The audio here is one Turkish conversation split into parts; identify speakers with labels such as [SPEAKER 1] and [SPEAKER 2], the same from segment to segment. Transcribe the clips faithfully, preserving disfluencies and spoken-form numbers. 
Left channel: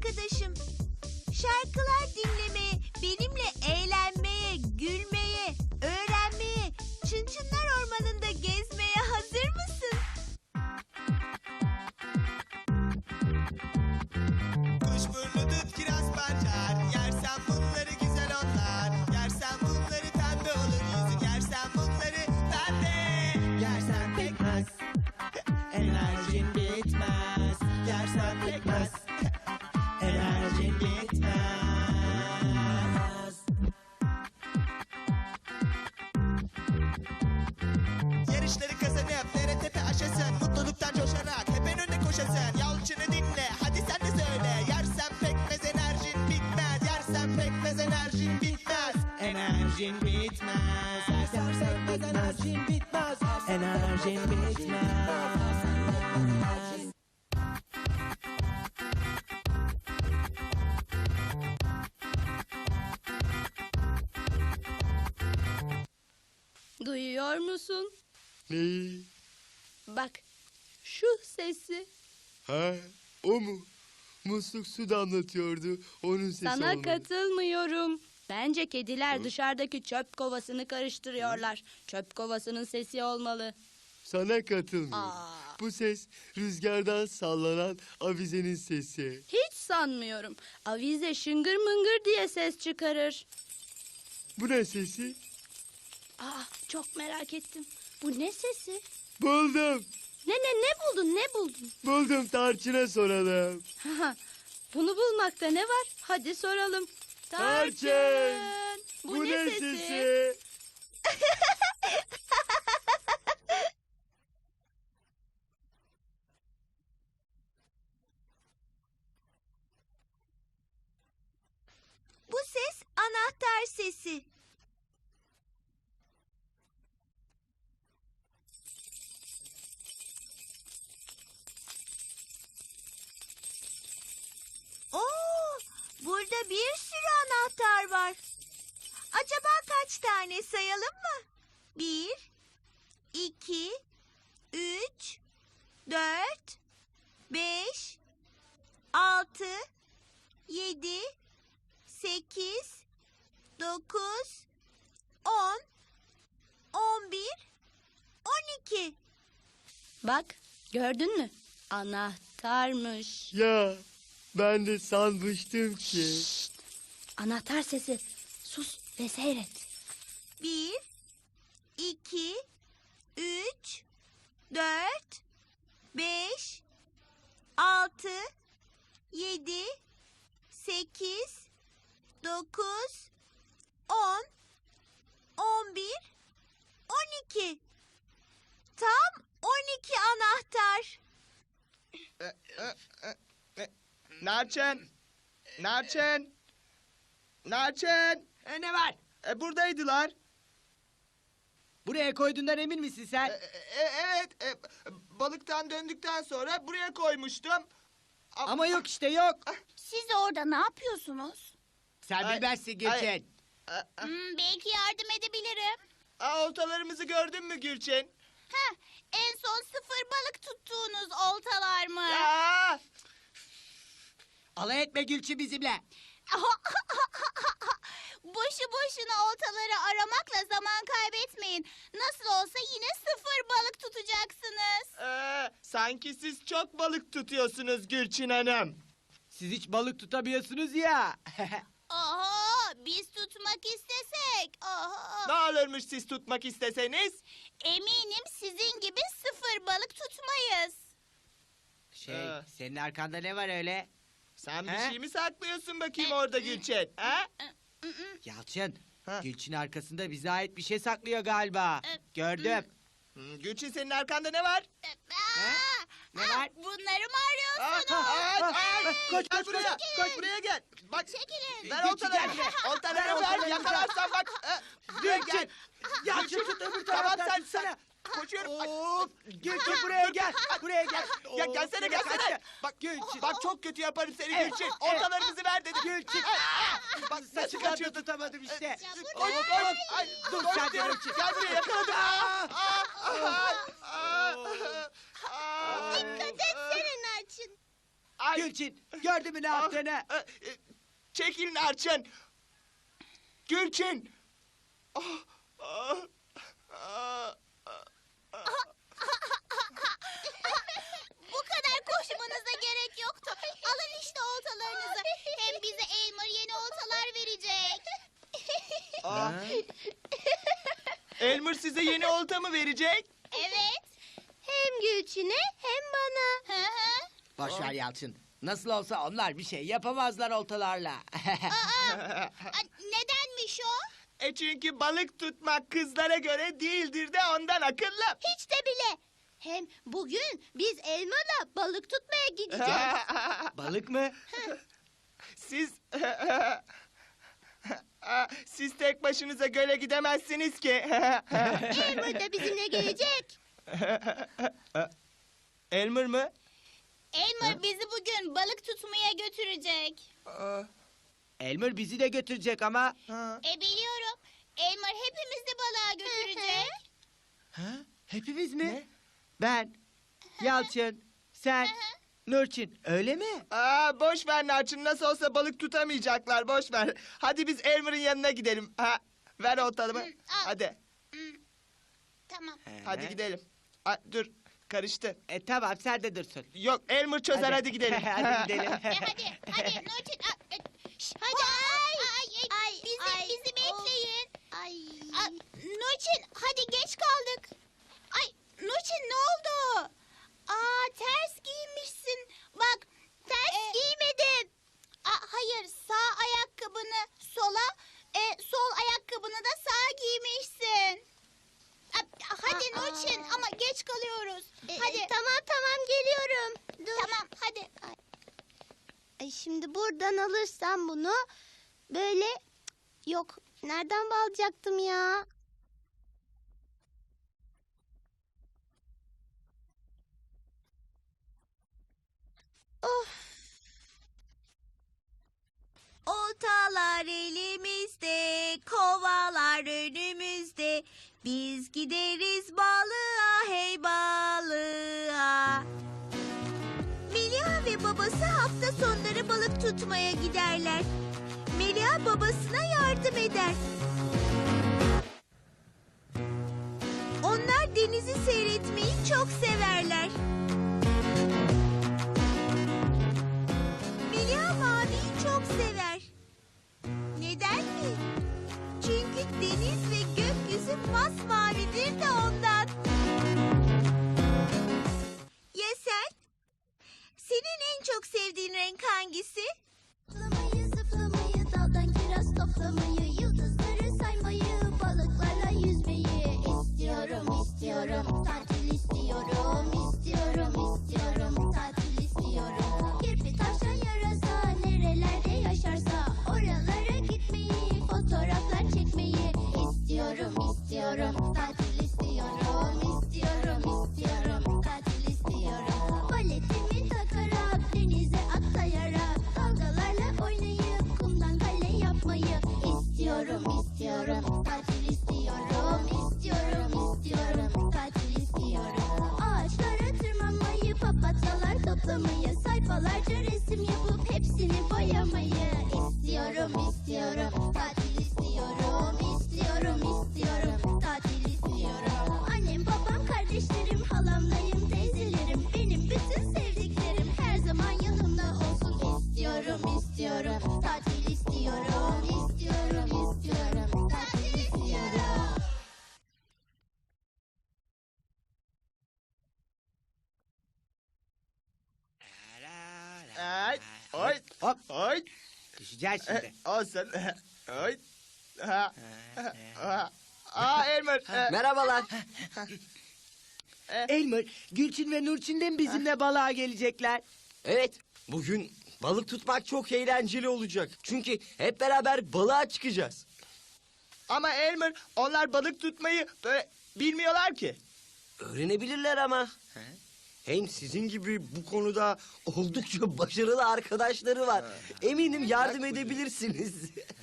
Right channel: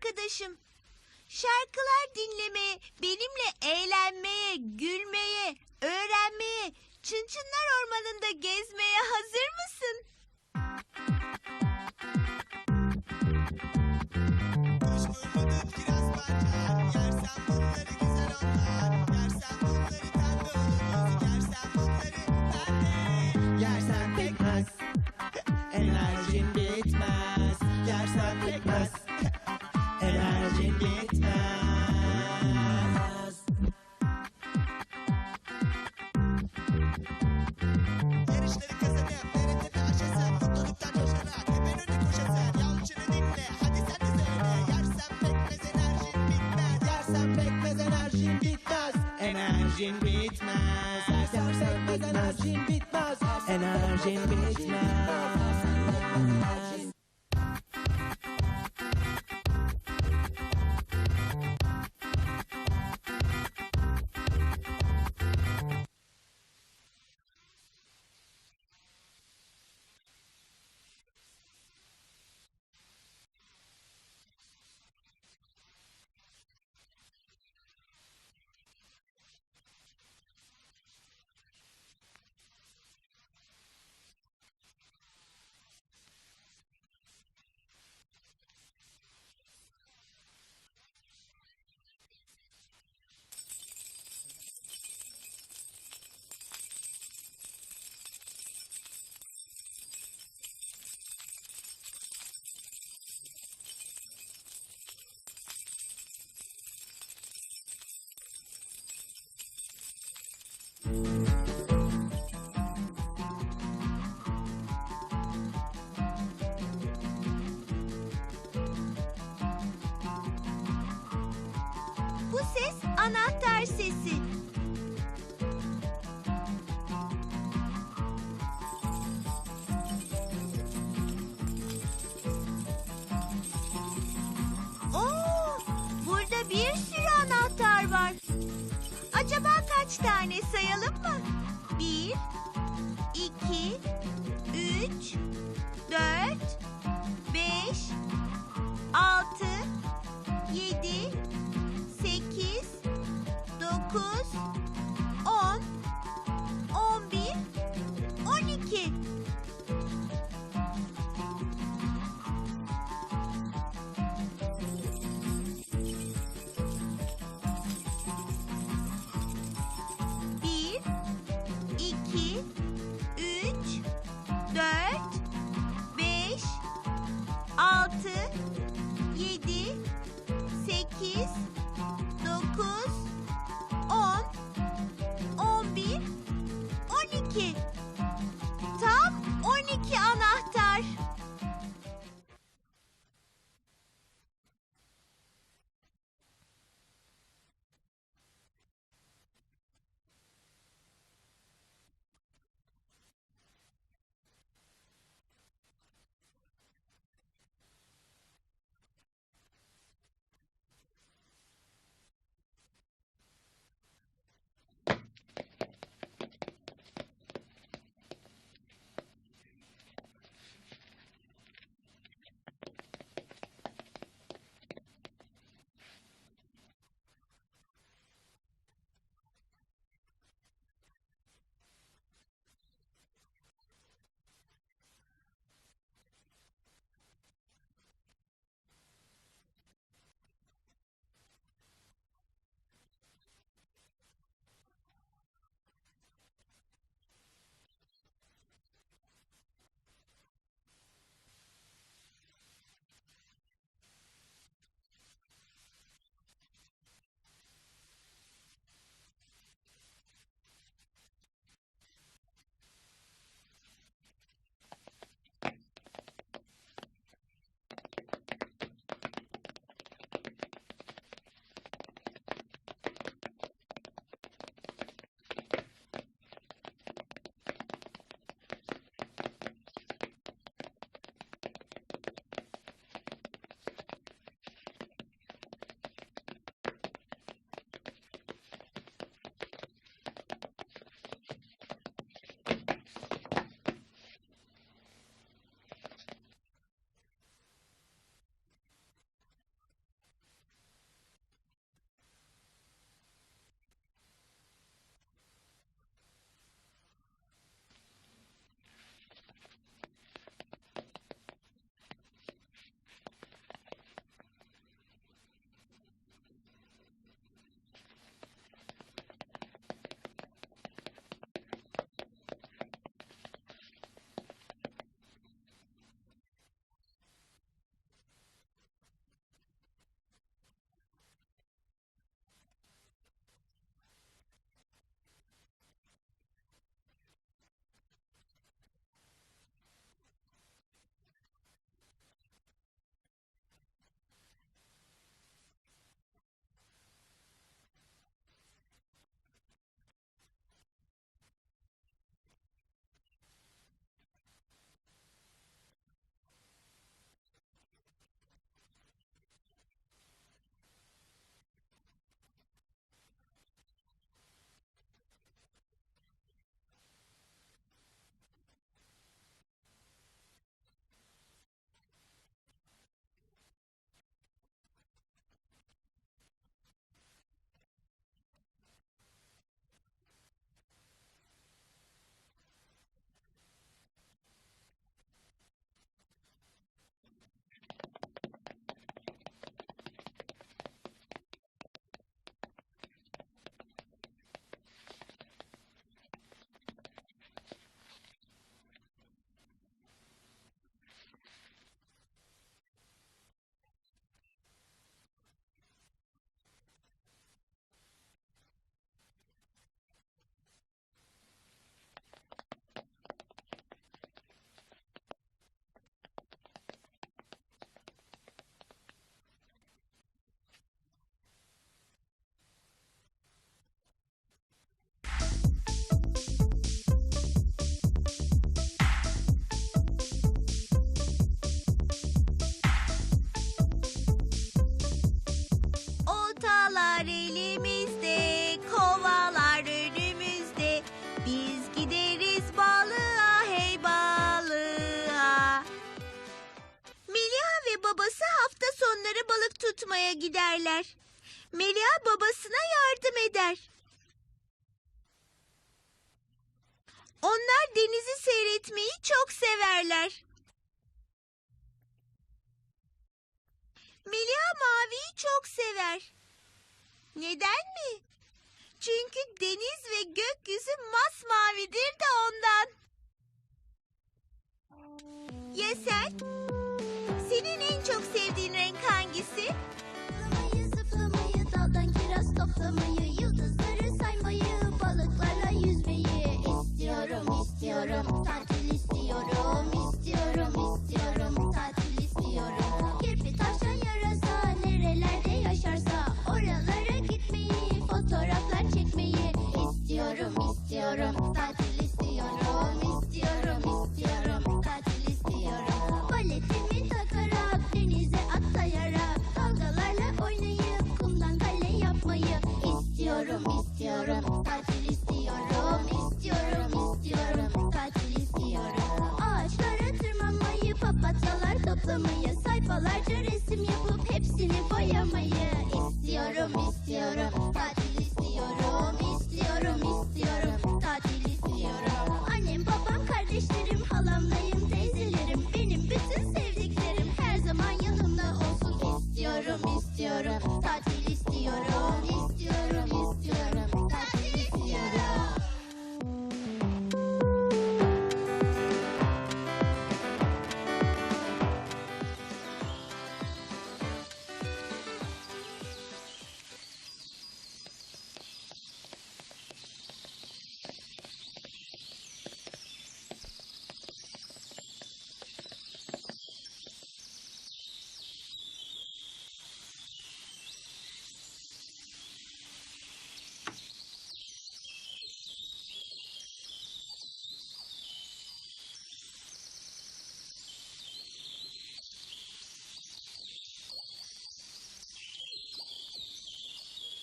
[SPEAKER 1] arkadaşım. Şarkılar dinlemeye, benimle eğlenmeye, gülmeye, öğrenmeye, Çınçınlar Ormanı'nda gezmeye hazır mısın?
[SPEAKER 2] Kuşburnu'dur kiraz parçar, yersen bunları güzel onlar. Yersen bunları pembe olur yüzü, yersen bunları pembe. Yersen pekmez, enerjin bitmez. Yersen pekmez, enerjin bitmez. Yarışları kazanıp nere tepe aşasın, mutluluktan coşarak hep en önde koşasın. Yalçın'ı dinle, hadi sen de söyle. Yersen pekmez enerjin bitmez. Yersen pekmez enerjin bitmez. Enerjin bitmez. Yersen pekmez enerjin bitmez. Enerjin bitmez.
[SPEAKER 3] Duyuyor musun?
[SPEAKER 4] Neyi?
[SPEAKER 3] Bak, şu sesi.
[SPEAKER 4] Ha, o mu? Musluk su damlatıyordu. Onun sesi
[SPEAKER 3] Sana
[SPEAKER 4] olmalı.
[SPEAKER 3] katılmıyorum. Bence kediler dışarıdaki çöp kovasını karıştırıyorlar. Çöp kovasının sesi olmalı.
[SPEAKER 4] Sana katılmıyorum.
[SPEAKER 3] Aa,
[SPEAKER 4] Bu ses rüzgardan sallanan avizenin sesi.
[SPEAKER 3] hiç sanmıyorum. Avize şıngır mıngır diye ses çıkarır.
[SPEAKER 4] Bu ne sesi?
[SPEAKER 3] Aa, çok merak ettim. Bu ne sesi?
[SPEAKER 4] Buldum.
[SPEAKER 3] Ne ne ne buldun ne buldun?
[SPEAKER 4] Buldum, Tarçın'a soralım.
[SPEAKER 3] Haha, bunu bulmakta ne var? Hadi soralım.
[SPEAKER 4] Tarçın,
[SPEAKER 3] Bu, ne, sesi?
[SPEAKER 1] Bu ses anahtar sesi. Oo, burada bir sürü anahtar var. Acaba kaç tane sayalım mı? Bir, iki, üç, dört, beş, altı, yedi, sekiz, dokuz, on, on bir, on iki.
[SPEAKER 3] Bak, gördün mü? Anahtarmış.
[SPEAKER 4] Ya, ben de sanmıştım ki.
[SPEAKER 3] Anahtar sesi. Sus ve seyret.
[SPEAKER 1] Bir, iki, üç, dört, beş, altı, yedi, sekiz, dokuz, on, on bir, on iki. Tam on iki anahtar.
[SPEAKER 2] Narçın, Narçın, Narçın.
[SPEAKER 5] E, ne var?
[SPEAKER 2] E, buradaydılar.
[SPEAKER 5] Buraya koyduğundan emin misin sen?
[SPEAKER 2] E, e, evet, e, balıktan döndükten sonra buraya koymuştum.
[SPEAKER 5] Ama yok işte yok.
[SPEAKER 6] Siz orada ne yapıyorsunuz?
[SPEAKER 5] Sen
[SPEAKER 2] Ay,
[SPEAKER 5] bilmezsin Gülçin.
[SPEAKER 2] ay. A- a-
[SPEAKER 6] Hmm, belki yardım edebilirim.
[SPEAKER 2] a, oltalarımızı gördün mü Gülçin?
[SPEAKER 6] Heh, en son sıfır balık tuttuğunuz oltalar mı?
[SPEAKER 2] Ya!
[SPEAKER 5] Alay etme Gülçin bizimle.
[SPEAKER 6] Boşu boşuna oltaları aramakla zaman kaybetmeyin. Nasıl olsa yine sıfır balık tutacaksınız.
[SPEAKER 2] Ee, sanki siz çok balık tutuyorsunuz Gülçin Hanım.
[SPEAKER 5] Siz hiç balık tutamıyorsunuz ya.
[SPEAKER 6] Oho, biz tutmak istesek. Oho.
[SPEAKER 2] Ne olurmuş siz tutmak isteseniz?
[SPEAKER 6] Eminim sizin gibi sıfır balık tutmayız.
[SPEAKER 5] Şey,
[SPEAKER 2] Ee.
[SPEAKER 5] senin arkanda ne var öyle?
[SPEAKER 2] Sen bir
[SPEAKER 5] He?
[SPEAKER 2] şey mi saklıyorsun bakayım orada Gülçin? Ha?
[SPEAKER 5] Yalçın,
[SPEAKER 2] Ha.
[SPEAKER 5] Gülçin arkasında bize ait bir şey saklıyor galiba. Gördüm.
[SPEAKER 2] Hmm, Gülçin senin arkanda ne var?
[SPEAKER 6] Aa,
[SPEAKER 5] Ne
[SPEAKER 6] aa,
[SPEAKER 5] var?
[SPEAKER 6] Bunları mı
[SPEAKER 2] Aa,
[SPEAKER 6] arıyorsunuz?
[SPEAKER 2] ay, ay,
[SPEAKER 5] Koş,
[SPEAKER 2] gel
[SPEAKER 5] koş,
[SPEAKER 2] buraya,
[SPEAKER 5] koş.
[SPEAKER 2] koş buraya gel. Bak,
[SPEAKER 6] Çekilin.
[SPEAKER 2] ver oltaları, oltaları ver, yakalarsan bak. Buraya gel.
[SPEAKER 5] Yalçın tut öbür
[SPEAKER 2] Tamam
[SPEAKER 5] taraftan.
[SPEAKER 2] sen, sen. Koşuyorum. Bak,
[SPEAKER 5] Gülçin buraya gel. Buraya gel.
[SPEAKER 2] ya gelsene, gelsene. Bak, bak çok kötü yaparım seni Gülçin. Oltalarımızı ver dedim.
[SPEAKER 5] Gülçin.
[SPEAKER 2] Bak nasıl
[SPEAKER 5] Saçından da
[SPEAKER 2] kaçıyordun?
[SPEAKER 5] tutamadım işte.
[SPEAKER 2] Oğlum, oğlum. Ay,
[SPEAKER 5] Dur
[SPEAKER 2] koş
[SPEAKER 5] sen
[SPEAKER 2] diyorum.
[SPEAKER 5] Gülçin.
[SPEAKER 2] Gel buraya yakaladım. Aa, aa, aa, aa, aa.
[SPEAKER 6] Dikkat etsene Narçın.
[SPEAKER 2] Ay.
[SPEAKER 5] Gülçin gördün mü ne yaptığını?
[SPEAKER 2] Ah, e, e, Çekil Narçın. Gülçin. Ah, ah, ah, ah.
[SPEAKER 6] Bu kadar koşmanıza gerek yoktu. Alın işte oltalarınızı. Hem bize Elmer yeni oltalar verecek.
[SPEAKER 2] Ah. Elmer size yeni olta mı verecek?
[SPEAKER 6] Evet. Hem Gülçin'e hem bana. Hı hı.
[SPEAKER 5] Boş ver Yalçın. Nasıl olsa onlar bir şey yapamazlar oltalarla.
[SPEAKER 6] Aa, nedenmiş o?
[SPEAKER 2] E çünkü balık tutmak kızlara göre değildir de ondan akıllı.
[SPEAKER 6] Hiç de bile. Hem bugün biz Elmer'la balık tutmaya gideceğiz.
[SPEAKER 5] Balık mı?
[SPEAKER 2] Siz... Siz tek başınıza göle gidemezsiniz ki.
[SPEAKER 6] Elmer de bizimle gelecek.
[SPEAKER 2] Elmer mı?
[SPEAKER 6] Elmer bizi bugün balık tutmaya götürecek.
[SPEAKER 2] Aa,
[SPEAKER 5] Elmer bizi de götürecek ama.
[SPEAKER 2] ha.
[SPEAKER 6] E biliyorum. Elmer hepimizi balığa götürecek.
[SPEAKER 5] Ha? Hepimiz mi?
[SPEAKER 2] Ne?
[SPEAKER 5] Ben, Yalçın, sen, Nurçin öyle mi?
[SPEAKER 2] Aa, boş ver Narçın, nasıl olsa balık tutamayacaklar, boş ver. Hadi biz Elmer'ın yanına gidelim. Ha, ver oltalımı.
[SPEAKER 6] al.
[SPEAKER 2] Hadi,
[SPEAKER 6] Tamam.
[SPEAKER 2] hadi gidelim. Aa, dur, karıştı.
[SPEAKER 5] E tamam sen de dursun.
[SPEAKER 2] Yok, Elmer çözer, hadi, gidelim.
[SPEAKER 5] Hadi gidelim.
[SPEAKER 6] E, hadi, hadi Nurçin. a- e, şş, Hadi. Ay, ay, ay, bizi, bizi bekleyin. Ay. A, Nurçin, hadi geç kaldık. Ay, Nurçin ne oldu? Aa, ters giymişsin. Bak, ters giymedin. Aa, hayır, sağ ayakkabını sola, e, sol ayakkabını da sağa giymişsin. A- Hadi Nurçin ama geç kalıyoruz. Hadi. tamam tamam geliyorum. Tamam hadi. Ay, şimdi buradan alırsam bunu böyle yok. Nereden bağlayacaktım ya? Of.
[SPEAKER 1] Oltalar elimizde, kovalar önümüzde. Biz gideriz balığa, hey balığa. Melia ve babası hafta sonları balık tutmaya giderler. Melia babasına yardım eder. Onlar denizi seyretmeyi çok severler. Melia maviyi çok sever. Neden mi? Çünkü deniz ve gökyüzü masmavidir de ondan. Ya sen? Senin en çok sevdiğin renk hangisi?
[SPEAKER 7] Zıplamayı, zıplamayı, daldan kiraz toplamayı, yıldızları saymayı, balıklarla yüzmeyi istiyorum, istiyorum, tatil istiyorum, istiyorum, istiyorum, tatil istiyorum. Kirpi tavşan yarasa, nerelerde yaşarsa, oralara gitmeyi, fotoğraflar çekmeyi istiyorum, istiyorum, tatil istiyorum, istiyorum, istiyorum, tatil istiyorum. Baletimi takarak, denize atlayarak, dalgalarla oynayıp, kumdan kale yapmayı istiyorum, istiyorum, tatil istiyorum, istiyorum, istiyorum, tatil istiyorum. Ağaçlara tırmanmayı, papatyalar toplamayı, sayfalarca resim yapıp hepsini boyamayı istiyorum, istiyorum, tatil istiyorum, istiyorum, istiyorum, tatil istiyorum. Annem, babam, kardeşlerim, halamlayım, teyzelerim, benim bütün sevdiklerim her zaman yanımda olsun istiyorum, istiyorum, tatil istiyorum, istiyorum, istiyorum, tatil istiyorum.
[SPEAKER 2] Ay, oy, hop, oy.
[SPEAKER 5] Gel şimdi.
[SPEAKER 2] E, olsun. Oy. Ha, ha. Aa, Elmer. e,
[SPEAKER 5] Merhabalar. Elmer, Gülçin ve Nurçin de mi bizimle balığa gelecekler?
[SPEAKER 8] Evet, bugün balık tutmak çok eğlenceli olacak. Çünkü hep beraber balığa çıkacağız.
[SPEAKER 2] Ama Elmer, onlar balık tutmayı böyle bilmiyorlar ki.
[SPEAKER 8] Öğrenebilirler ama. Hem sizin gibi bu konuda oldukça başarılı arkadaşları var. Eminim yardım edebilirsiniz.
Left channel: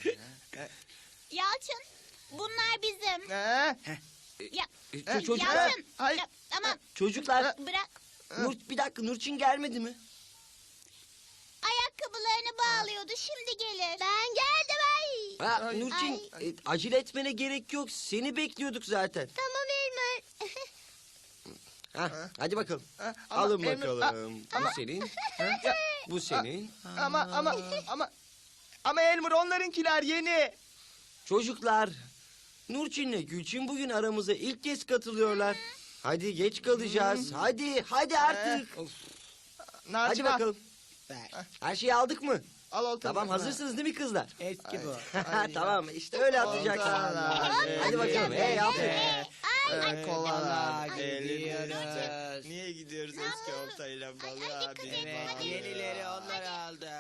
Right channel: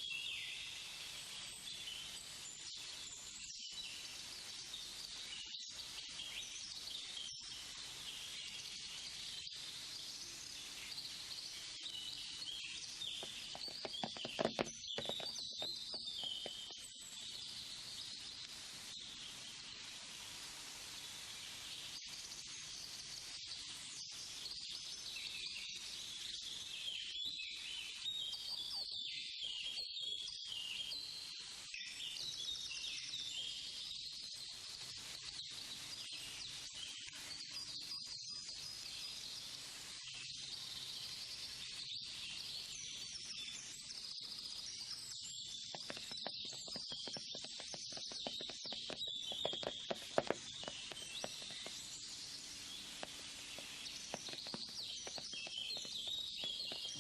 [SPEAKER 6] Yalçın bunlar bizim.
[SPEAKER 2] Ha,
[SPEAKER 6] Ya,
[SPEAKER 8] Ç- çocuklar,
[SPEAKER 6] Yalçın.
[SPEAKER 2] hayır.
[SPEAKER 6] Ya, ama
[SPEAKER 8] çocuklar,
[SPEAKER 6] bırak.
[SPEAKER 8] Nur, bir dakika Nurçin gelmedi mi?
[SPEAKER 6] ayakkabılarını bağlıyordu. Şimdi gelir. Ben geldim ay.
[SPEAKER 8] Ha, Nurçin, e, acele etmene gerek yok. Seni bekliyorduk zaten.
[SPEAKER 6] Tamam Elmer.
[SPEAKER 8] Ha, hadi bakalım.
[SPEAKER 2] Ha, ama
[SPEAKER 8] Alın
[SPEAKER 2] Elmer-
[SPEAKER 8] bakalım.
[SPEAKER 2] ama-
[SPEAKER 8] Bu senin,
[SPEAKER 2] Ya,
[SPEAKER 8] bu senin.
[SPEAKER 2] ama ama ama ama Elmer onlarınkiler yeni.
[SPEAKER 8] Çocuklar, Nurçin'le Gülçin bugün aramıza ilk kez katılıyorlar. Hadi geç kalacağız. Hadi, hadi artık. Hadi
[SPEAKER 2] Narcın al.
[SPEAKER 8] bakalım. Her şeyi aldık mı?
[SPEAKER 2] Al oltanı.
[SPEAKER 8] Tamam, hazırsınız değil mi kızlar?
[SPEAKER 5] Eski bu.
[SPEAKER 8] Tamam, işte öyle atacaksın. Hadi bakalım. Hey, aferin.
[SPEAKER 2] Ee, Kovalar.
[SPEAKER 5] Gidiyoruz.
[SPEAKER 2] Niye gidiyoruz eski oltayla balığa?
[SPEAKER 5] Evet, yenileri onlar aldı.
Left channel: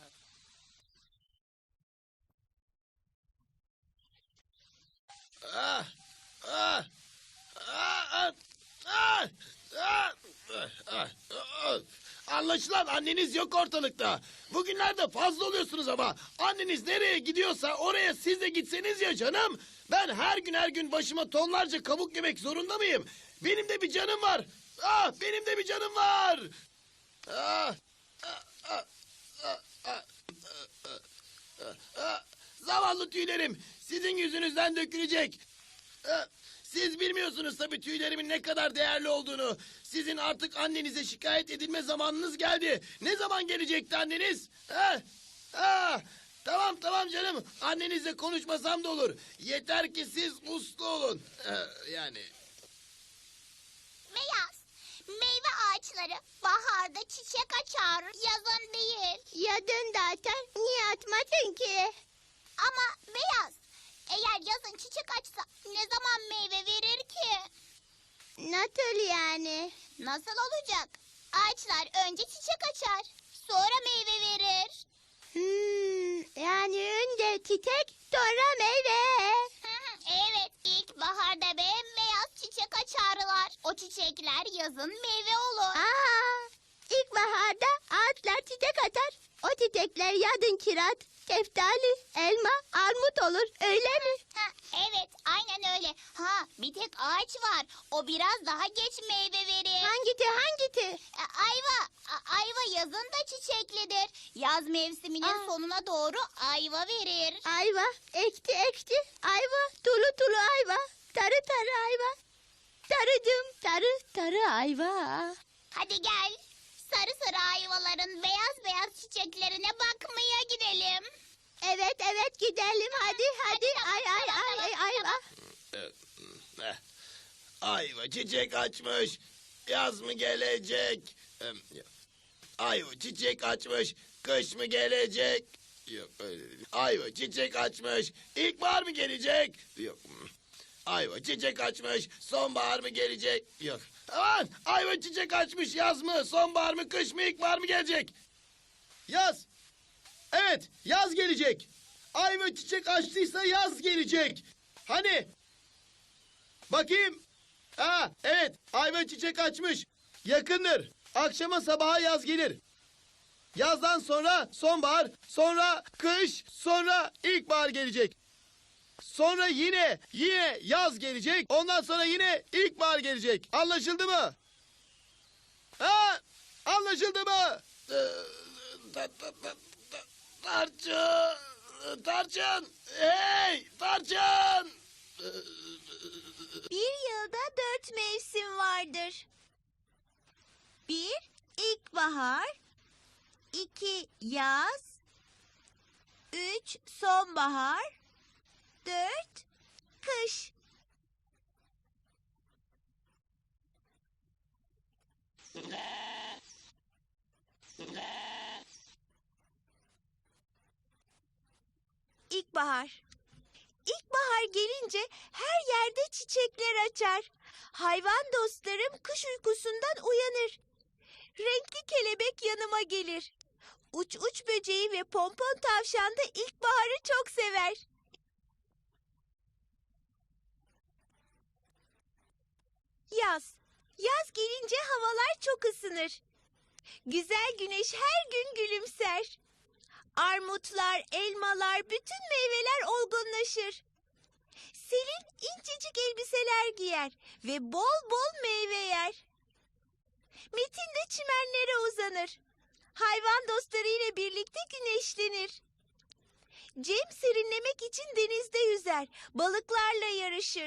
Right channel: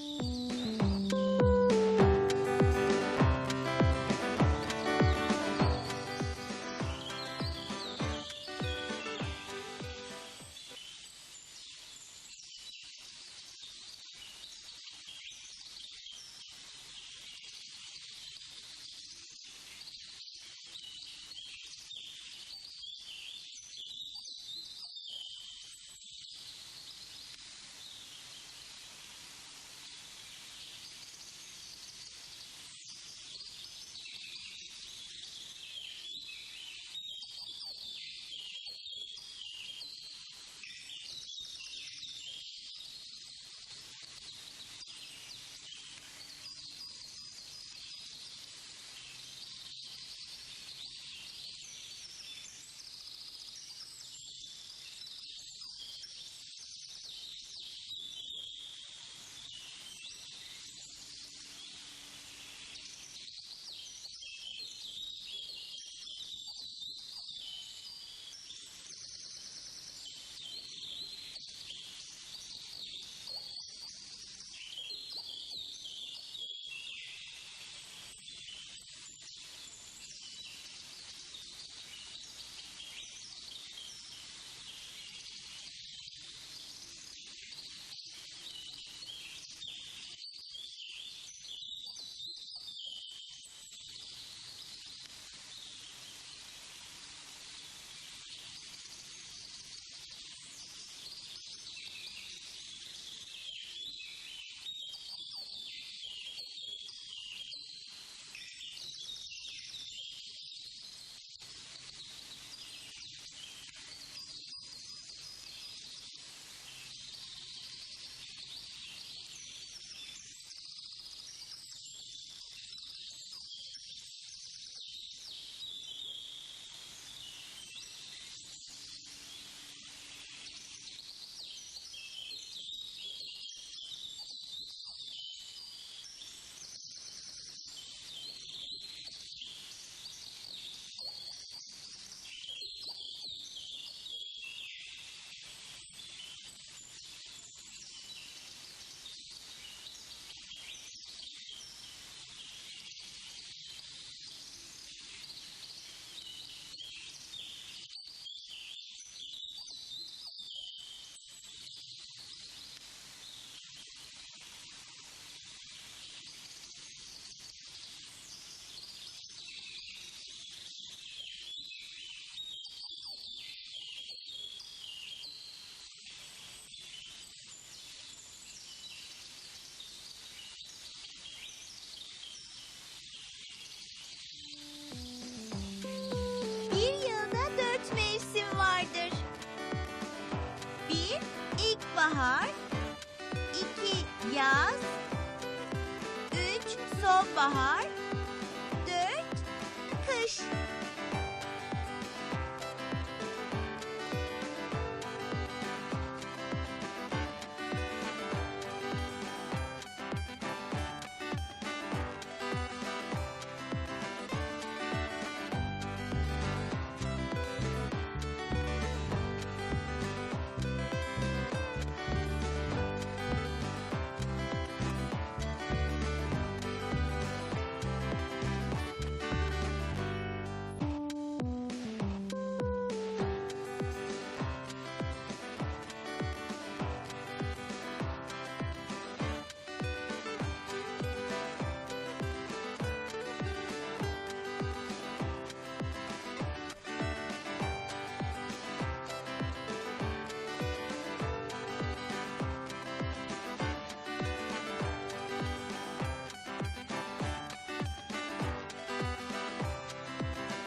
[SPEAKER 9] Anlaşılan anneniz yok ortalıkta. Bugünlerde fazla oluyorsunuz ama anneniz nereye gidiyorsa oraya siz de gitseniz ya canım. Ben her gün her gün başıma tonlarca kabuk yemek zorunda mıyım? Benim de bir canım var. Ah, benim de bir canım var. Ah, ah, ah, ah, ah, ah, ah. Zavallı tüylerim sizin yüzünüzden dökülecek. Ah, Siz bilmiyorsunuz tabii tüylerimin ne kadar değerli olduğunu. Sizin artık annenize şikayet edilme zamanınız geldi. Ne zaman gelecekti anneniz? Ha? Ha? Tamam tamam canım. Annenizle konuşmasam da olur. Yeter ki siz uslu olun. Ee, yani.
[SPEAKER 6] Beyaz. Meyve ağaçları baharda çiçek açar, yazın değil. Yazın zaten. Niye atmadın ki? Ama beyaz. Eğer yazın çiçek açsa ne zaman meyve verir ki? Nasıl yani? Nasıl olacak? Ağaçlar önce çiçek açar, sonra meyve verir. Hmm, yani önce çiçek, sonra meyve. Evet, ilkbaharda bembeyaz çiçek açarlar. O çiçekler yazın meyve olur. Aa, ilkbaharda ağaçlar çiçek açar. O çiçekler yazın kiraz, şeftali, elma, armut olur. Öyle mi? Ha, evet, aynen öyle. Ha, bir tek ağaç var. O biraz daha geç meyve verir. Hangisi, hangisi? Ayva. A- ayva yazın da çiçeklidir. Yaz mevsiminin sonuna doğru ayva verir. Ayva, ekşi ekşi ayva, tulu tulu ayva, sarı sarı ayva. Sarıcım, sarı sarı ayva. Hadi gel. Sarı sarı ayvaların beyaz beyaz çiçeklerine bakmaya gidelim. Evet evet gidelim hadi hadi, ay ay ay ay ayva.
[SPEAKER 9] Eh, Ayva çiçek açmış. Yaz mı gelecek? Em, Ayva çiçek açmış. Kış mı gelecek? Yok, öyle değil. Ayva çiçek açmış. İlkbahar mı gelecek? Yok. Ayva çiçek açmış. Sonbahar mı gelecek? Yok. Aman! Ayva çiçek açmış. Yaz mı? Sonbahar mı? Kış mı? İlkbahar mı gelecek?
[SPEAKER 2] Yaz. Evet, yaz gelecek. Ayva çiçek açtıysa yaz gelecek. Hani? Bakayım. Ha, evet, ayva çiçek açmış. Yakındır. Akşama sabaha yaz gelir. Yazdan sonra sonbahar, sonra kış, sonra ilkbahar gelecek. Sonra yine, yine yaz gelecek. Ondan sonra yine ilkbahar gelecek. Anlaşıldı mı? Ha? Anlaşıldı mı?
[SPEAKER 9] Ee, ta- ta- ta- ta- Tarçın! Tarçın! Hey! Tarçın!
[SPEAKER 1] Bir yılda dört mevsim vardır. Bir, ilkbahar. İki, yaz. Üç, sonbahar. Dört, kış. İlkbahar. İlkbahar gelince her yerde çiçekler açar. Hayvan dostlarım kış uykusundan uyanır. Renkli kelebek yanıma gelir. Uç uç böceği ve pompon tavşan da ilkbaharı çok sever. Yaz. Yaz gelince havalar çok ısınır. Güzel güneş her gün gülümser. Armutlar, elmalar, bütün meyveler olgunlaşır. Selin incecik elbiseler giyer ve bol bol meyve yer. Metin de çimenlere uzanır. Hayvan dostlarıyla birlikte balıklarla yarışır.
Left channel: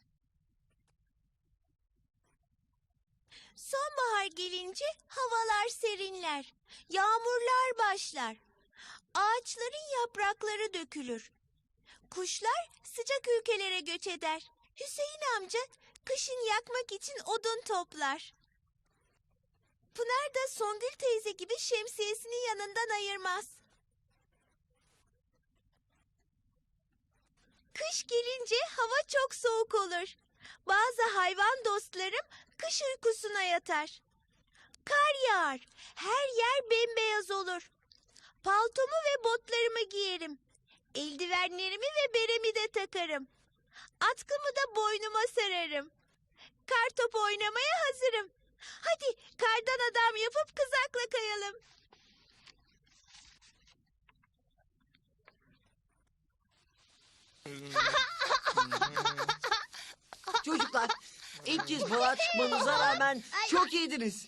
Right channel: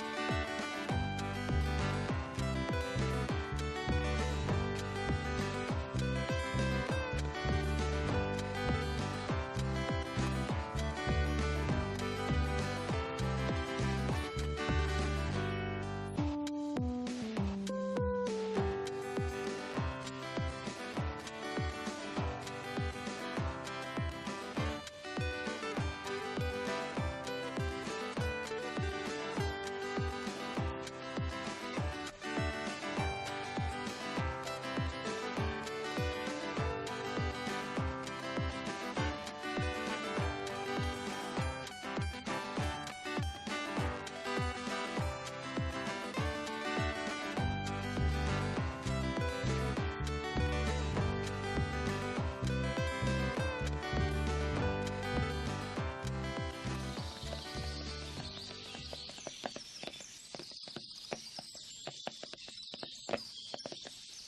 [SPEAKER 1] Sonbahar gelince havalar serinler, yağmurlar başlar. Ağaçların yaprakları dökülür. Kuşlar sıcak ülkelere göç eder. Hüseyin amca kışın yakmak için odun toplar. Pınar da Songül teyze gibi şemsiyesini yanından ayırmaz. Kış gelince hava çok soğuk olur. Bazı hayvan dostlarım kış uykusuna yatar. Kar yağar, her yer bembeyaz olur. Paltomu ve botlarımı giyerim. Eldivenlerimi ve beremi de takarım. Atkımı da boynuma sararım. Kar topu oynamaya hazırım. Hadi kardan adam yapıp kızakla kayalım.
[SPEAKER 8] Çocuklar, ilk kez balığa çıkmanıza rağmen çok iyiydiniz.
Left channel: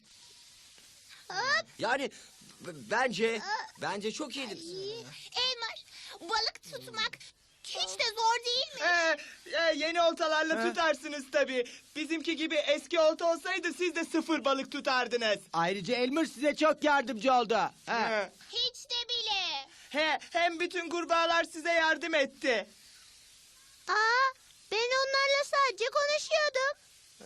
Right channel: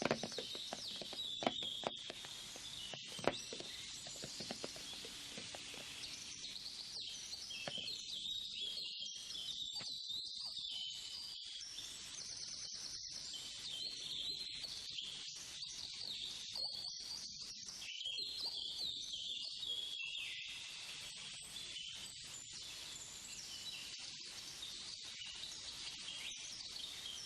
[SPEAKER 8] Yani b- bence, bence çok iyiydiniz.
[SPEAKER 6] Elmer, balık tutmak hiç de zor değil mi?
[SPEAKER 2] Ee, e, yeni oltalarla tutarsınız tabii. Bizimki gibi eski olta olsaydı siz de sıfır balık tutardınız.
[SPEAKER 5] Ayrıca Elmer size çok yardımcı oldu. Ha.
[SPEAKER 2] He.
[SPEAKER 6] Hiç de bile.
[SPEAKER 2] He, hem bütün kurbağalar size yardım etti.
[SPEAKER 6] Aa, ben onlarla sadece konuşuyordum.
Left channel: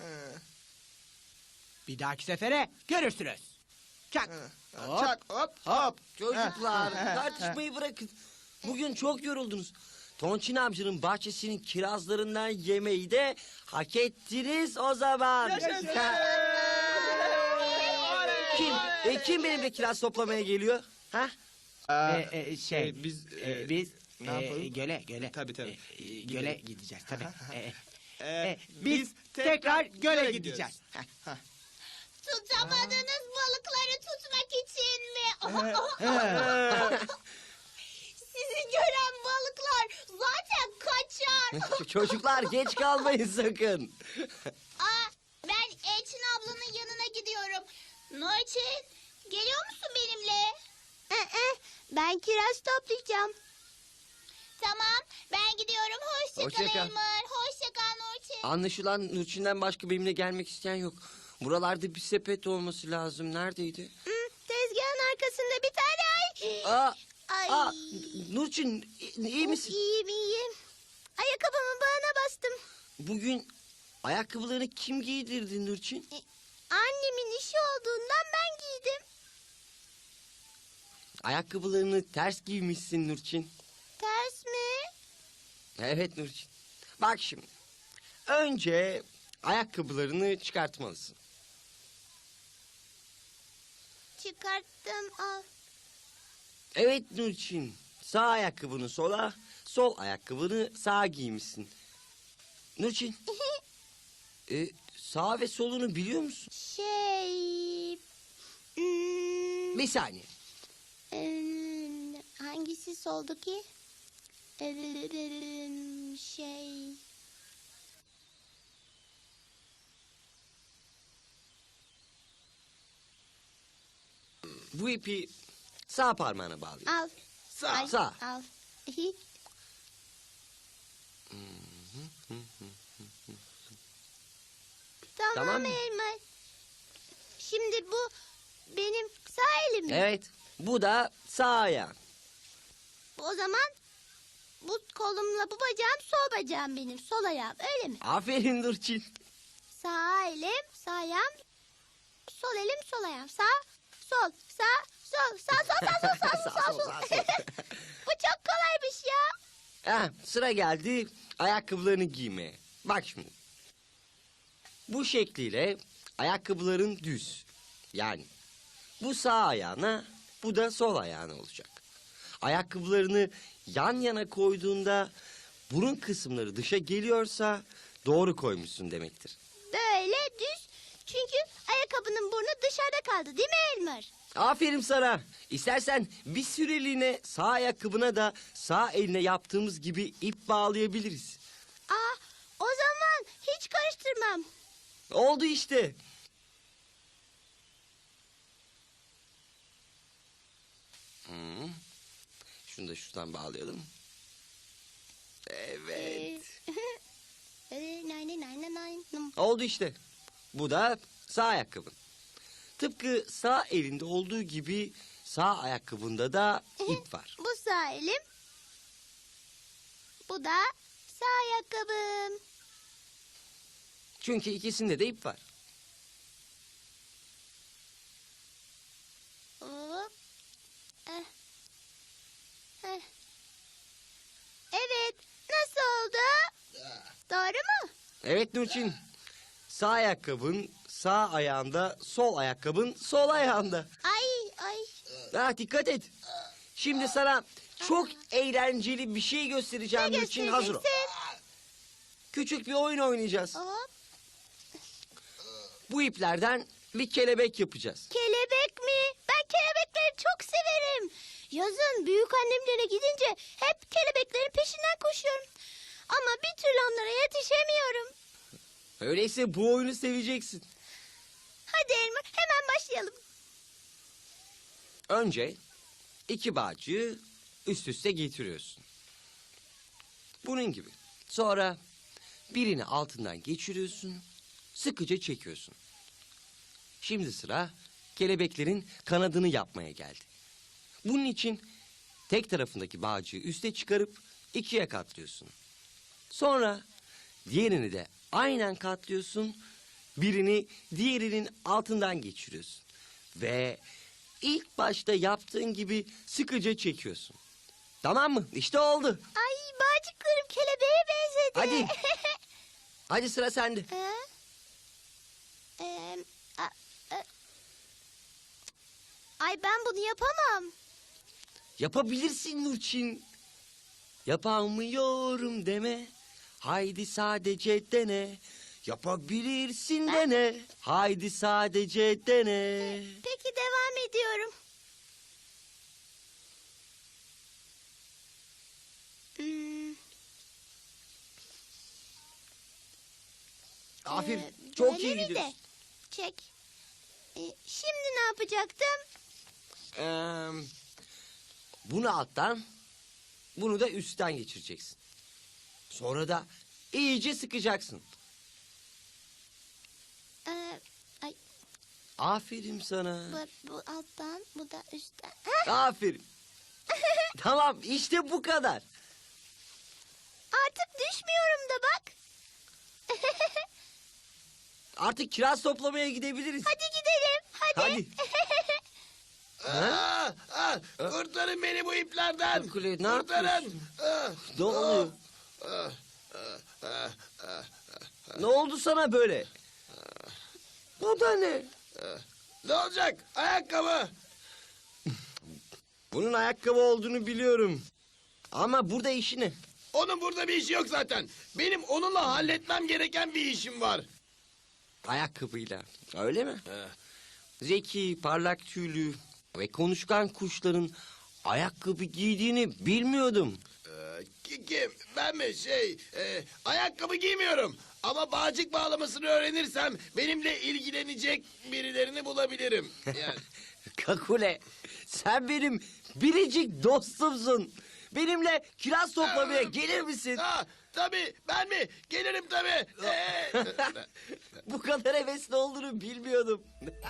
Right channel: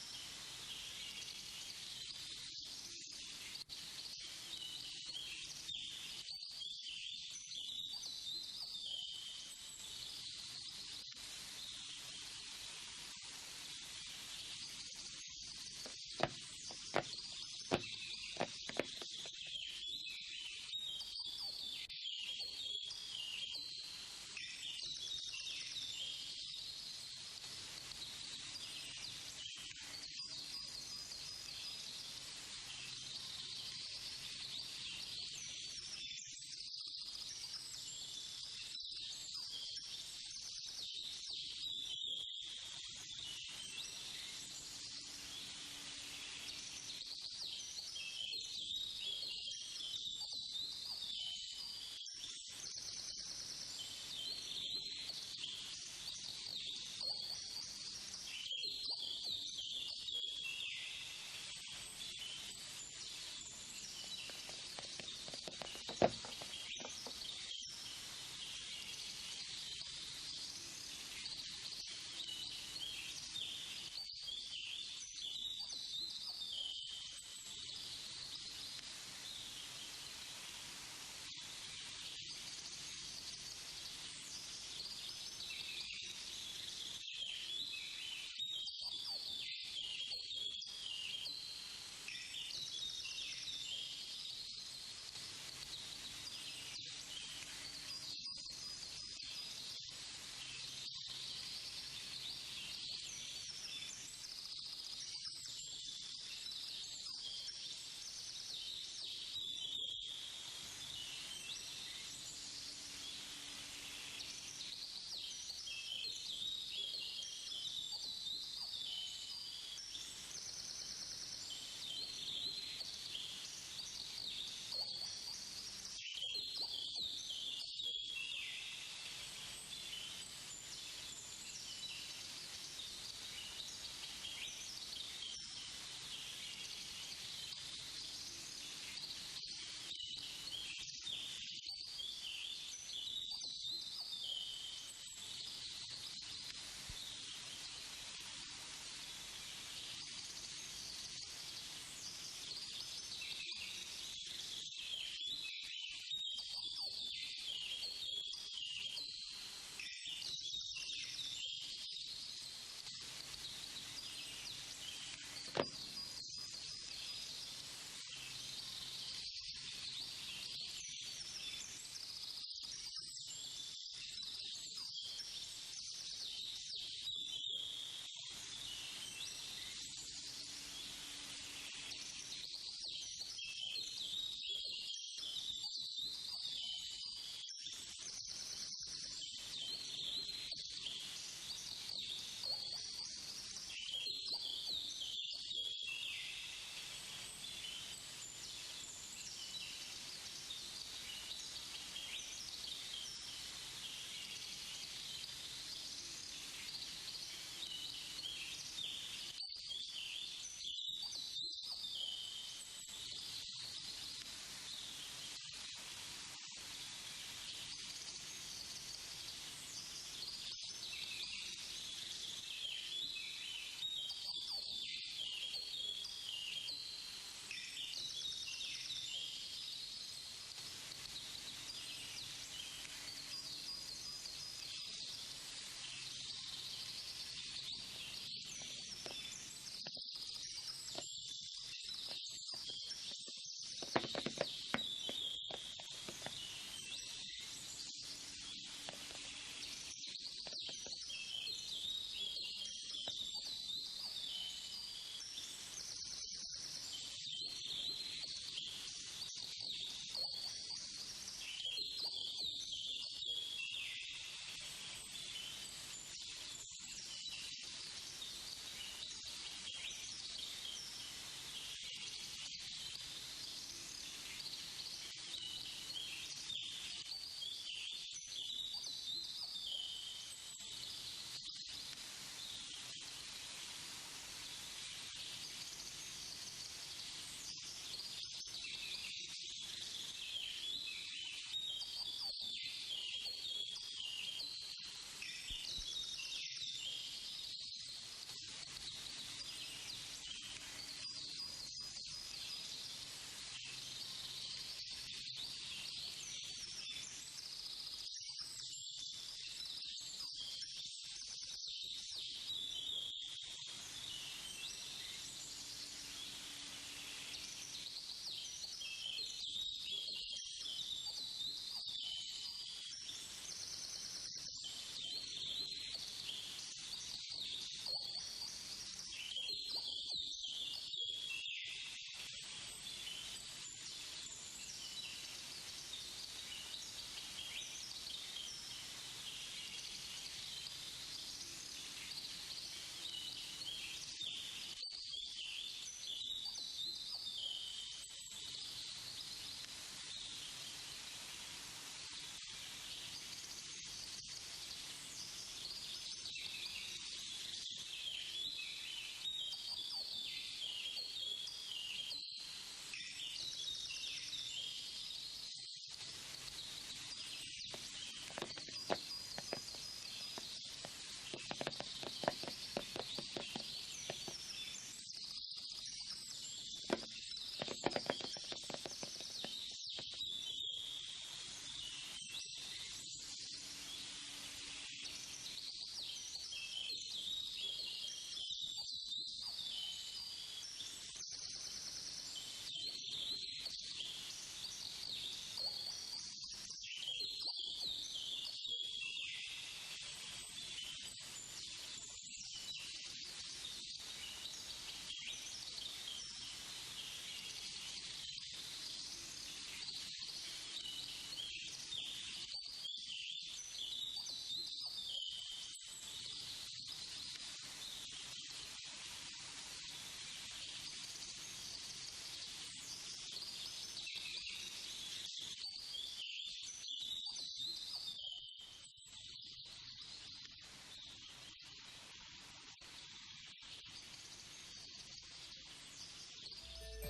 [SPEAKER 5] Bir dahaki sefere görürsünüz. Çak. Hop.
[SPEAKER 2] Çak hop hop.
[SPEAKER 8] Çocuklar, tartışmayı bırakın. Bugün çok yoruldunuz. Tonçin amcanın bahçesinin kirazlarından yemeği de hak ettiniz o zaman. Ha. Kim? E, kim benimle kiraz toplamaya geliyor? Ha?
[SPEAKER 5] Ee, e, şey,
[SPEAKER 2] biz,
[SPEAKER 5] e, biz
[SPEAKER 2] ne
[SPEAKER 5] e,
[SPEAKER 2] yapalım?
[SPEAKER 5] göle, göle.
[SPEAKER 2] Tabii, tabii.
[SPEAKER 5] E, e, göle gideceğiz tabii. E,
[SPEAKER 2] Ee,
[SPEAKER 5] e, biz tekrar göle gideceğiz. Ha.
[SPEAKER 6] Tutamadığınız balıkları tutmak için mi? Sizi gören balıklar zaten kaçar.
[SPEAKER 8] Çocuklar geç kalmayın sakın.
[SPEAKER 6] Aa, ben Elçin ablanın yanına gidiyorum. Nurçin, geliyor musun benimle? Ben kiraz toplayacağım. Tamam, ben gidiyorum. Hoşça,
[SPEAKER 8] Hoşça
[SPEAKER 6] kal
[SPEAKER 8] kal.
[SPEAKER 6] Elmer. Hoşça kal Nurçin.
[SPEAKER 8] Anlaşılan Nurçin'den başka benimle gelmek isteyen yok. Buralarda bir sepet olması lazım. Neredeydi?
[SPEAKER 6] Tezgahın arkasında bir tane ay.
[SPEAKER 8] Aa,
[SPEAKER 6] Ay.
[SPEAKER 8] aa, Nurçin iyi misin?
[SPEAKER 6] İyiyim, iyiyim. Ayakkabımın bağına bastım.
[SPEAKER 8] Bugün ayakkabılarını kim giydirdi Nurçin?
[SPEAKER 6] Annemin işi olduğundan ben giydim.
[SPEAKER 8] Ayakkabılarını ters giymişsin Nurçin.
[SPEAKER 6] Ters mi?
[SPEAKER 8] Evet Nurçin. Bak şimdi. Önce ayakkabılarını çıkartmalısın.
[SPEAKER 6] Çıkarttım, al.
[SPEAKER 8] Evet Nurçin. Sağ ayakkabını sola, sol ayakkabını sağa giymişsin. Nurçin. e, sağ ve solunu biliyor musun?
[SPEAKER 6] Şey... hmm,
[SPEAKER 8] Bir saniye.
[SPEAKER 6] em, hangisi soldu ki? Em, Şey...
[SPEAKER 8] Bu ipi sağ parmağına bağlı.
[SPEAKER 6] Al.
[SPEAKER 8] Sağ.
[SPEAKER 6] Ay,
[SPEAKER 8] Sağ.
[SPEAKER 6] Al. Tamam,
[SPEAKER 8] Tamam mı?
[SPEAKER 6] Elmer. Şimdi bu benim sağ elim mi?
[SPEAKER 8] Evet. Bu da sağ ayağın.
[SPEAKER 6] O zaman bu kolumla bu bacağım sol bacağım benim. Sol ayağım, öyle mi?
[SPEAKER 8] Aferin Nurçin.
[SPEAKER 6] Sağ elim, sağ ayağım. Sol elim, sol ayağım. Sağ, sol, sağ, sol, sağ, sol, sağ, sol, sağ, sol, sağ, sol. Bu çok kolaymış ya.
[SPEAKER 8] Ha, sıra geldi ayakkabılarını giymeye. Bak şimdi. Bu şekliyle ayakkabıların düz. Yani bu sağ ayağına, bu da sol ayağına olacak. Ayakkabılarını yan yana koyduğunda burun kısımları dışa geliyorsa doğru koymuşsun demektir.
[SPEAKER 6] Böyle düz. Çünkü ayakkabının burnu dışarıda kaldı, değil mi Elmer?
[SPEAKER 8] Aferin sana. İstersen bir süreliğine sağ ayakkabına da sağ eline yaptığımız gibi ip bağlayabiliriz.
[SPEAKER 6] Aa, o zaman hiç karıştırmam.
[SPEAKER 8] Oldu işte. Hı. Şunu da şuradan bağlayalım. Evet. Oldu işte. Bu da sağ ayakkabın. Tıpkı sağ elinde olduğu gibi sağ ayakkabında da ip var.
[SPEAKER 6] Bu sağ elim. Bu da sağ ayakkabım.
[SPEAKER 8] Çünkü ikisinde de ip var.
[SPEAKER 6] Hop. Eh. Eh. Evet. Nasıl oldu? Doğru mu?
[SPEAKER 8] Evet Nurçin. Sağ ayakkabın sağ ayağında, sol ayakkabın sol ayağında.
[SPEAKER 6] Ay ay.
[SPEAKER 8] Ha, dikkat et. Şimdi sana çok eğlenceli bir şey göstereceğim
[SPEAKER 6] Ne
[SPEAKER 8] Nurçin. Hazır ol.
[SPEAKER 6] göstereceksin?
[SPEAKER 8] Küçük bir oyun oynayacağız.
[SPEAKER 6] Hop.
[SPEAKER 8] Bu iplerden bir kelebek yapacağız.
[SPEAKER 6] Kelebek mi? Ben kelebekleri çok severim. Yazın büyük annemlere gidince hep kelebeklerin peşinden koşuyorum. Ama bir türlü onlara yetişemiyorum.
[SPEAKER 8] Öyleyse bu oyunu seveceksin.
[SPEAKER 6] Hadi Elma hemen başlayalım.
[SPEAKER 8] Önce iki bağcığı üst üste getiriyorsun. Bunun gibi. Sonra birini altından geçiriyorsun, sıkıca çekiyorsun. Şimdi sıra kelebeklerin kanadını yapmaya geldi. Bunun için tek tarafındaki bağcığı üste çıkarıp ikiye katlıyorsun. Sonra diğerini de aynen katlıyorsun, birini diğerinin altından geçiriyorsun. Ve ilk başta yaptığın gibi sıkıca çekiyorsun. Tamam mı? İşte oldu.
[SPEAKER 6] Ay bağcıklarım kelebeğe benzedi.
[SPEAKER 8] Hadi. Hadi sıra sende.
[SPEAKER 6] Ha? Ee, a- a- Ay ben bunu yapamam.
[SPEAKER 8] Yapabilirsin Nurçin. Yapamıyorum deme. Haydi sadece dene. Yapabilirsin dene. Haydi sadece dene.
[SPEAKER 6] Peki devam ediyorum. Hmm,
[SPEAKER 8] Aferin.
[SPEAKER 6] e,
[SPEAKER 8] Çok
[SPEAKER 6] böyle
[SPEAKER 8] iyi
[SPEAKER 6] mi de?
[SPEAKER 8] gidiyorsun.
[SPEAKER 6] Çek. E, şimdi ne yapacaktım?
[SPEAKER 8] Ee, bunu alttan, bunu da üstten geçireceksin. Sonra da iyice sıkacaksın.
[SPEAKER 6] Ee, ay,
[SPEAKER 8] Aferin sana.
[SPEAKER 6] bu, bu alttan, bu da üstten.
[SPEAKER 8] Aferin. Tamam, işte bu kadar.
[SPEAKER 6] Artık düşmüyorum da bak.
[SPEAKER 8] Artık kiraz toplamaya gidebiliriz.
[SPEAKER 6] Hadi gidelim. Hadi.
[SPEAKER 8] Hadi.
[SPEAKER 9] Aa, aa, kurtarın beni bu iplerden.
[SPEAKER 8] Kukule, ne
[SPEAKER 9] Kurtarın.
[SPEAKER 8] yapıyorsun?
[SPEAKER 9] Aa,
[SPEAKER 8] Ne oluyor?
[SPEAKER 9] aa, aa, aa.
[SPEAKER 8] Ne oldu sana böyle? O da ne?
[SPEAKER 9] Ne olacak? Ayakkabı.
[SPEAKER 8] Bunun ayakkabı olduğunu biliyorum. Ama burada işi ne?
[SPEAKER 9] Onun burada bir işi yok zaten. Benim onunla halletmem gereken bir işim var.
[SPEAKER 8] Ayakkabıyla. Öyle mi? Zeki, parlak tüylü ve konuşkan kuşların ayakkabı giydiğini bilmiyordum.
[SPEAKER 9] Ee, ki- kim? Ben mi? Şey, e, ayakkabı giymiyorum. Ama bağcık bağlamasını öğrenirsem benimle ilgilenecek birilerini bulabilirim. Yani.
[SPEAKER 8] Kakule, sen benim biricik dostumsun. Benimle kiraz toplamaya gelir misin?
[SPEAKER 9] Ha, tabii, ben mi? Gelirim tabii. Ee,
[SPEAKER 8] Bu kadar hevesli olduğunu bilmiyordum.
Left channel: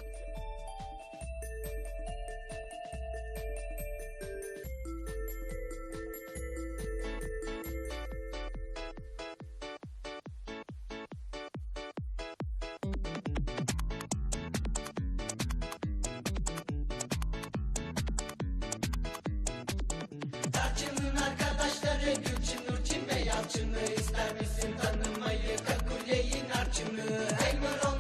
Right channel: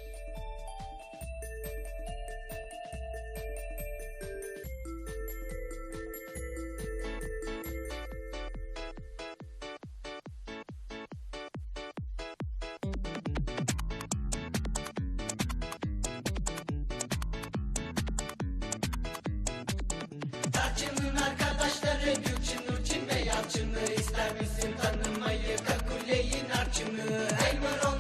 [SPEAKER 10] Tarçının arkadaşları Gülçin, Nurçin ve Yalçın'ı ister misin tanımayı? Kakule'yi, Narçın'ı, Elmer